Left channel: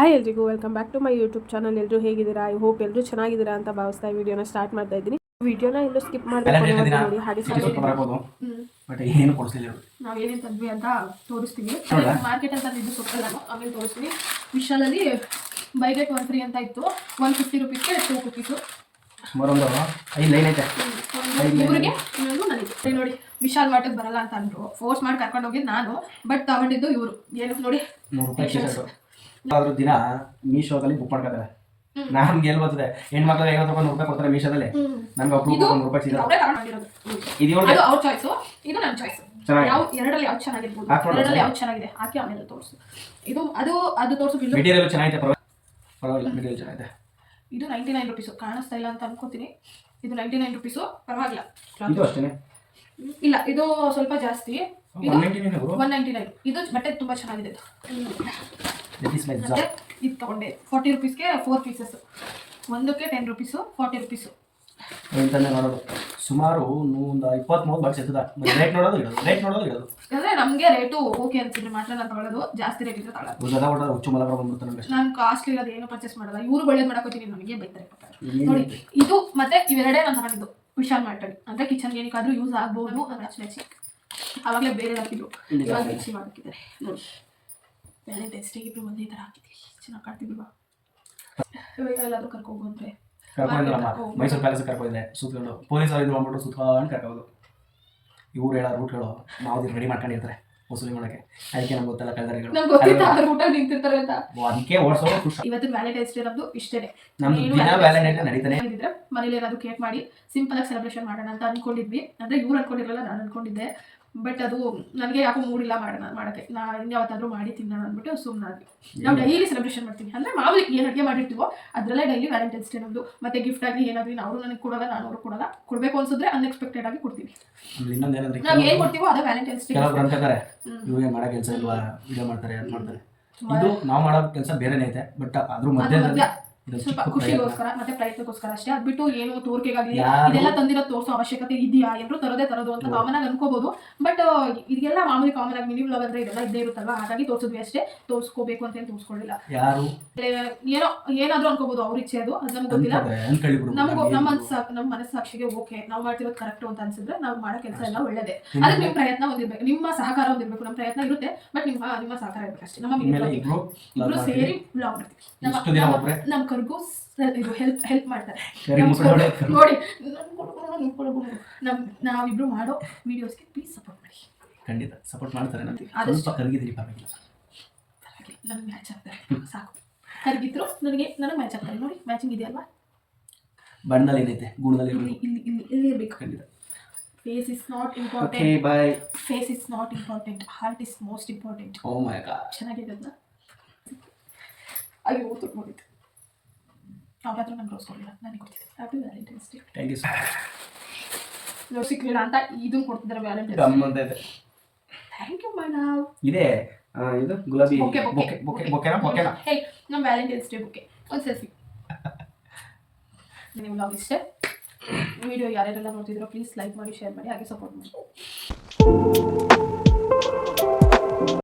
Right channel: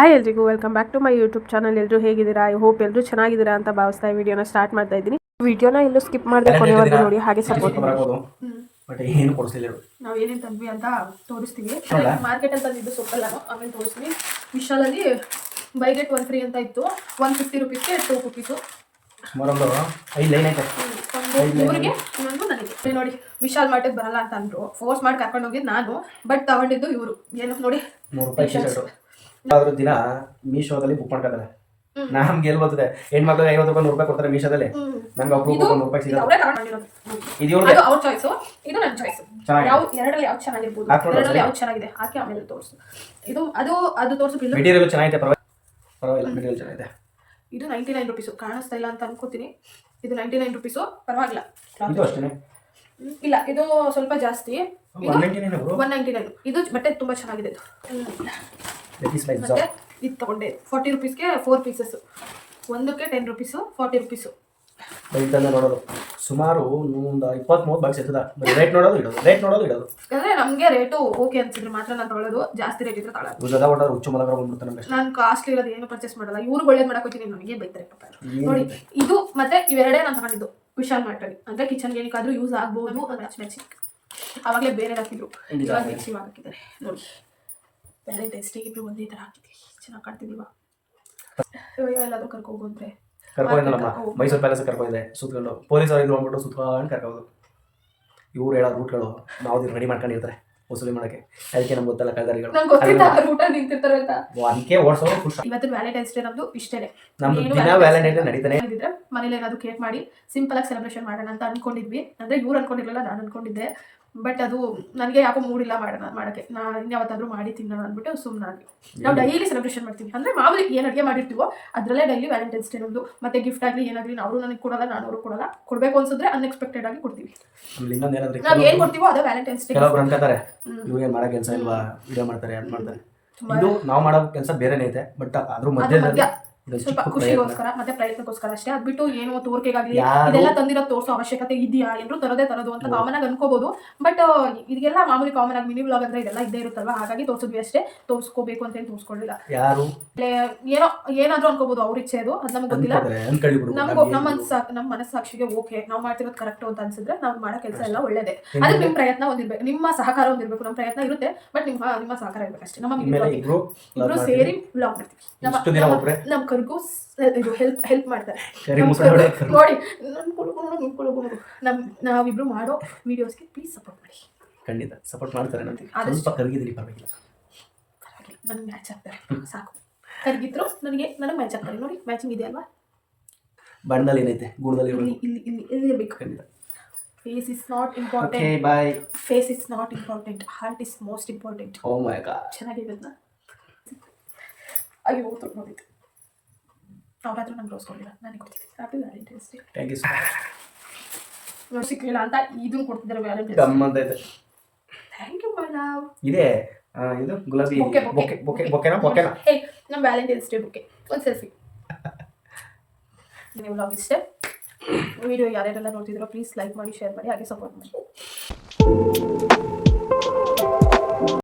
Hi ಎಲ್ರಿಗೂ welcome back to my YouTube channel. ಎಲ್ಲರೂ ಹೇಗಿದ್ದೀರಾ? ಐ ಹೋಪ್ ಎಲ್ಲರೂ ಚೆನ್ನಾಗಿದ್ದೀರಾ ಅಂತ ಭಾವಿಸ್ತಾ ಈ ವಿಡಿಯೋನ ಸ್ಟಾರ್ಟ್ ಮಾಡ್ತಾ ಇದ್ದೀನಿ. ವಿಡಿಯೋನ ಎಲ್ಲೂ ಸ್ಕಿಪ್ ಮಾಡದೆ ಕೊನೆವರೆಗೂ ನೋಡಿ, ಹಾಗೆ ಸಪೋರ್ಟ್ ಮಾಡಿ. ಬಟ್ ಏನು ಕೊಡಿಸ್ಲಿಲ್ಲ ಇವರು. ನಾವು ಏನೇನು ತಂದ್ವಿ ಅಂತ ತೋರಿಸ್ತೀವಿ. ಮಾರ್ಕೆಟ್ ಅಂತ ತಂದಿದ್ದು ಸೊಪ್ಪಲ್ಲ, ಆಮೇಲೆ ತೋರಿಸ್ತೀವಿ. ವಿಶಾಲಲ್ಲಿ ಬೈ ಗೆಟ್ 1 ಫ್ರೀ ಅಂತ ಇತ್ತು. 150 ರುಪೀಸ್ಗೆ 2 ಕುಕೀಸು. ಸುಮಾರು ಒಂದು 5 ಲೈನ್ ಐತೆ. ಊರಿಗೆ ಇನ್ನೊಂದು ನನಗೆ ನೋಡಿ. ವಿಶಾಲ್ ಮಾರ್ಟಿಗೆ ಬರಲ್ಲ ಅಂತ ಅಂದ್ರು, ಫೋರ್ಸ್ ಮಾಡಿ ಕರ್ಕೊಂಡು ಹೋಗಿದ್ದು ನಾನು. ಬಟ್ ತಗೊಂಡಿದ್ದು ಇವರು. ಏನು ನೋಡಿ, 3 ರೂಪಾಯಿ ಟಿ ಶರ್ಟ್. ಆದ್ರೂ ದಿನ ಮೀಶೋದಲ್ಲಿ ಬುಕ್ ಮಾಡ್ಕೋತಾರೆ. ನಮ್ಗೆ ಎಲ್ಲಿ ಬರ್ತದೆ? ಹೆಣ್ಮಕ್ಳಿಗೆ 50 ರೂಪಾಯಿ 100 ರೂಪಾಯಿ ಕೊಡ್ತಾರೆ ಮೀಶೋದಲ್ಲಿ. ನಮ್ಗೆ ಅಪ್ರೂವ್ 100 ರೂಪಾಯಿ ಸಿಗುತ್ತೆ. ಇದು ಅವ್ರ ಚಾಯ್ಸ್, ಇದು ನನ್ನ ಚಾಯ್ಸ್. ಎರಡರಲ್ಲಿ ಯಾವ್ದು ಚೆನ್ನಾಗಿರ್ಬೋದು, ಎರಡರಲ್ಲಿ ಯಾವ್ದು ಚೆನ್ನಾಗಿದೆ ಹಾಕಿ ಆಮೇಲೆ ತೋರಿಸು. ಇದು ಅದು ತೋರಿಸು. ಮೆಟೀರಿಯಲ್ ಚೆನ್ನಾಗಿದೆ, ಪರವಾಗಿಲ್ಲ. ಮೆಟೀರಿಯಲ್ ಚೆನ್ನಾಗಿದೆ. ಇದು 99 ರುಪೀಸು. ಕಾಣಿಸ್ತಾ ಇಲ್ಲ ಅಂತ ಅನ್ಕೋತೀನಿ. ಇದು 99 ರುಪೀಸು, ಪರವಾಗಿಲ್ಲ. ಇದು ಅಷ್ಟೇ ಇಲ್ಲ, ಇದು ಸ್ವಲ್ಪ ಜಾಸ್ತಿ. 199. ಇದು ಬಟ್ಟೆ ತುಂಬಾ ಚೆನ್ನಾಗಿದೆ. ಇದು ತಗೊಂಡೆ 40 ರುಪೀಸ್ಗೆ 4 ಪೀಸಸ್. ಒಂದಕ್ಕೆ 10 ರುಪೀಸು, 40 ರುಪೀಸು. ನೋಡೋದು ಸುಮಾರು 20-30 ಬಾಕ್ಸ್ ಇರ್ತದ. ರೇಟ್ ನೋಡೋದು ಇಡೋದು. ಅಂದ್ರೆ ನಮಗೆ ರೇಟು ಓಕೆ ಅನ್ಸಿದ್ರೆ ಮಾತ್ರ ನಾನು ತಗೊಳ್ಳೋದು. ಜಾಸ್ತಿ ರೇಟ್ ಇದ್ರೆ ತಗೊಳ್ಳೋದು. ನಾನು ಕಾಸ್ಟ್ಲಿ ಇರೋದು ಏನು ಪರ್ಚೇಸ್ ಮಾಡಲ್ಲ. ಇವ್ರು ಒಳ್ಳೇದು ಮಾಡಕ್ ಹೋಗ್ತೀನಿ, ನನಗೆ ಬೈತಾರೆ ನೋಡಿ. ಇದು ಮತ್ತೆ ಇವೆರಡೇ ನಾನು ತಗೊಂಡಿದ್ದು ವಿಶಾಲ್ ಮಾರ್ಟಲ್ಲಿ. ಅಂದ್ರೆ ಕಿಚನ್ಗೆ ಏನಕ್ಕಾದ್ರೂ ಯೂಸ್ ಆಗ್ಬೋದು. ಮೆಚ್ಚಿ ಅವಾಗಲೇ ಬೇರೆ ಹಾಕಿದ್ರು, ಇವಾಗ ಮಿಕ್ಸಿ ಹಾಕಿದ್ದಾರೆ ನೋಡಿ. ವ್ಯಾಲೆಂಟೈನ್ಸ್ ಡೇ ಇಬ್ರು ಒಂದೇ ಥರ ಹಾಕಿದ್ವಿ, ಚೆನ್ನಾಗಿ ಕಾಣ್ತಿದ್ದೀವ. ಎಲ್ಲಾದ್ರೂ ಕರ್ಕೋಗು ಅಂದ್ರೆ ಮೈಸೂರು ಪ್ಯಾಲೇಸ್ ಕರ್ಕೊಂಡಿದೆ. ಸುತ್ಕೊಂಡು ಪೊಲೀಸ್ ಇದು ಅಂದ್ಬಿಟ್ಟು ಸುತ್ಕೊಂಡು ಕರ್ಕೋದು. ಇವ್ರು ಹೇಳೋ ರೂಟ್ಗಳು ನಾವು ರೆಡಿ ಮಾಡ್ಕೊಂಡಿರ್ತಾರೆ ವಸೂಲಿ ಮಾಡೋಕ್ಕೆ. ಅದಕ್ಕೆ ನಮ್ಗೆ ಗೊತ್ತಲ್ಲ ಕಳ್ದಾರಿಗಳು, ಅದಕ್ಕೆ ಓಡಿಸೋದು ಖುಷಿ. ಇವತ್ತು ವ್ಯಾಲೆಂಟೈನ್ಸ್ ಡೇ ನಮ್ದು ಇಷ್ಟೇ. ನಮ್ದು ದಿನ ವ್ಯಾಲೆಂಟೈನ್ಸ್ ಡೇ ನಡೀತಾನೆ ಇದ್ರೆ ಮನೇಲಿ ಏನಾದ್ರು ಕೇಕ್ ಮಾಡಿ ಸಿಂಪಲ್ ಆಗಿ ಸೆಲೆಬ್ರೇಷನ್ ಮಾಡೋಣ ಅಂತ ಅನ್ಕೊಂಡಿದ್ವಿ. ಅಂದ್ರೆ ಇವ್ರು ಅನ್ಕೊಂಡಿರಲಿಲ್ಲ, ನಾನು ಅನ್ಕೊಂಡಿದ್ದೆ. ಬಟ್ ಅದು ನನಗೆ ಯಾಕೋ ಮೂಡಿಲ್ಲ ಮಾಡೋಕ್ಕೆ. ನಾನು ಇನ್ಯಾವತ್ತಾದ್ರೂ ಮಾಡಿ ತಿನ್ನೋಣ ಅಂದ್ಬಿಟ್ಟು ಸುಮ್ಮನಾಗಿ. ನಾವು ಡೈಲಿ ಸೆಲೆಬ್ರೇಷನ್ ಮಾಡ್ತೀವಿ. ಅಂದರೆ ಮಾಮೂಲಿ ಏನು ಅಡುಗೆ ಮಾಡಿರ್ತೀವೋ ಅದರಲ್ಲೇ ಡೈಲಿ ವ್ಯಾಲೆಂಟೈನ್ಸ್ ಡೇ ನಮ್ಮದು. ಮತ್ತು ಗಿಫ್ಟ್ ಆಗಲಿ ಏನಾಗಲಿ ಅವರು ನನಗೆ ಕೊಡಲ್ಲ, ನಾನು ಅವ್ರಿಗೆ ಕೊಡಲ್ಲ. ಕೊಡಬೇಕು ಅನ್ಸಿದ್ರೆ ಅನ್ಎಕ್ಸ್ಪೆಕ್ಟೆಡ್ ಆಗಿ ಕೊಡ್ತೀವಿ. ನಾವು ಏನು ಕೊಡ್ತೀವೋ ಅದೇ ವ್ಯಾಲೆಂಟೈನ್ಸ್ ಡೇ. ಕೆಲವರು ಅನ್ಕೋತಾರೆ ಇವ್ರಿಗೆ ಮಾಡೋ ಕೆಲಸ ಇಲ್ವಾ, ವಿಡಿಯೋ ಮಾಡ್ತಾರೆ ಅದು ಮಾಡ್ತಾರೆ. ಇದು ನಾವು ಮಾಡೋ ಕೆಲಸ ಬೇರೆನೇ ಐತೆ. ಬಟ್ ಅದ್ರ ಮಧ್ಯದಲ್ಲಿ ಸ್ವಲ್ಪ ಖುಷಿಗೋಸ್ಕರ ಮತ್ತೆ ಪ್ರಯತ್ನಕ್ಕೋಸ್ಕರ ಅಷ್ಟೇ. ಅದ್ಬಿಟ್ಟು ಏನು ತೋರಿಕೆಗಾಗಲಿ ಇದೆಲ್ಲ ತಂದಿರೋ ತೋರಿಸೋ ಅವಶ್ಯಕತೆ ಇದೆಯಾ? ಎಲ್ಲರೂ ತರೋದು ಅಂತ ಕಾಮನ್ ಆಗಿ ಅನ್ಕೋಬಹುದು. ಬಟ್ ಇದೆಲ್ಲ ಮಾಮೂಲಿ ಕಾಮನ್ ಆಗಿ ಮಿನಿ ವ್ಲಾಗ್ ಅಂದ್ರೆ ಇದೆಲ್ಲ ಇದ್ದೇ ಇರುತ್ತಲ್ವಾ, ಹಾಗಾಗಿ ತೋರಿಸಿದ್ವಿ ಅಷ್ಟೇ. ತೋರಿಸ್ಕೋಬೇಕು ಅಂತ ಹೇಳಿ ತೋರಿಸ್ಕೊಳ್ಳಿಲ್ಲ. ಯಾರು ಏನಾದ್ರೂ ಅನ್ಕೋಬಹುದು, ಅವ್ರ ಇಚ್ಛೆ ಅದು, ಅದು ನಮ್ಗೆ ಗೊತ್ತಿಲ್ಲ. ನಮ್ಗೆ ನಮ್ಮ ಮನಸ್ಸಾಕ್ಷಿಗೆ ಓಕೆ ನಾವು ಮಾಡ್ತಿರೋದು ಕರೆಕ್ಟ್ ಅಂತ ಅನ್ಸಿದ್ರೆ ನಾವು ಮಾಡೋ ಕೆಲಸ ಎಲ್ಲ ಒಳ್ಳೇದೇ. ಅದಕ್ಕೆ ನಿಮ್ಮ ಪ್ರಯತ್ನ ಒಂದಿರ್ಬೇಕು, ನಿಮ್ಮ ಸಹಕಾರ ಒಂದಿರ್ಬೇಕು. ನಮ್ಮ ಪ್ರಯತ್ನ ಇರುತ್ತೆ, ಬಟ್ ನಿಮ್ಮ ಸಹಕಾರ ಇರ್ಬೇಕು ಅಷ್ಟೇ. ನಮ್ಮ ಇಬ್ರು ಸೇರಿ ವ್ಲಾಗ್ ಮಾಡ್ತೀವಿ. ನಮ್ಮ ಕರ್ಗೂ ಇದು ಹೆಲ್ಪ್ ಮಾಡ್ತಾರೆ ನೋಡಿ. ನಾವಿಬ್ರು ಮಾಡೋ ವಿಡಿಯೋಸ್ಗೆ ಪ್ಲೀಸ್ ಸಪೋರ್ಟ್ ಮಾಡಿ. ಖಂಡಿತ ಸಪೋರ್ಟ್ ಮಾಡ್ತಾರೆ. ಸ್ವಲ್ಪ ಕರಗಿದ್ರಿ ಪರವಾಗಿಲ್ಲ, ನನಗೆ ಮ್ಯಾಚ್ ಆಗ್ತಾರೆ ಸಾಕು. ಕರಗಿದ್ರು ನನಗೆ ಮ್ಯಾಚ್ ಆಗ್ತಾರೆ ನೋಡಿ. ಮ್ಯಾಚಿಂಗ್ ಇದೆ ಅಲ್ವಾ? ಬಣ್ಣದಲ್ಲಿ ಏನೈತೆ, ಗುಣದಲ್ಲಿ ಇಲ್ಲಿ ಇರಬೇಕು. ಖಂಡಿತ. Face is not important. Okay, bye. Face is not important. Heart is most important. Oh my god. ಚೆನ್ನಾಗಿದೆ ಅದನ್ನ. ಅಯ್ಯೋ ನೋಡಿದ್ದು ಅವರಾದ್ರೂ ನಂಗೆ ರೋಸ್ ಕೊಡಲಿಲ್ಲ, ನನಗೆ ಕೊಡ್ತಿದ್ದೆ. Happy Valentine's day. Thank you so much. ನೋಡಿ ಸಿಕ್ಲಿಲ್ಲ ಅಂತ ಇದನ್ನು ಕೊಡ್ತಿದ್ದಾರೆ ವ್ಯಾಲೆಂಟೈನ್ಸ್. ಗಮ್ಮಂತ ಇದೆ. Thank you madam. ಇದೆ ಇದು ಗುಲಾಬಿ ಬೊಕೆನಾ. ಹೇ, ನಮ್ಮ ವ್ಯಾಲೆಂಟೈನ್ಸ್ ಡೇ ಬುಕ್ಕೆ ಒಂದು ಸೆಲ್ಫಿ. ನೀವು ವ್ಲಾಗ್ ಇಷ್ಟೇ. ವಿಡಿಯೋ ಯಾರ್ಯಾರೆಲ್ಲ ನೋಡ್ತಿದ್ರೋ ಪ್ಲೀಸ್ ಲೈಕ್ ಮಾಡಿ, ಶೇರ್ ಮಾಡಿ, ಹಾಗೆ ಸಪೋರ್ಟ್ ಮಾಡಿ.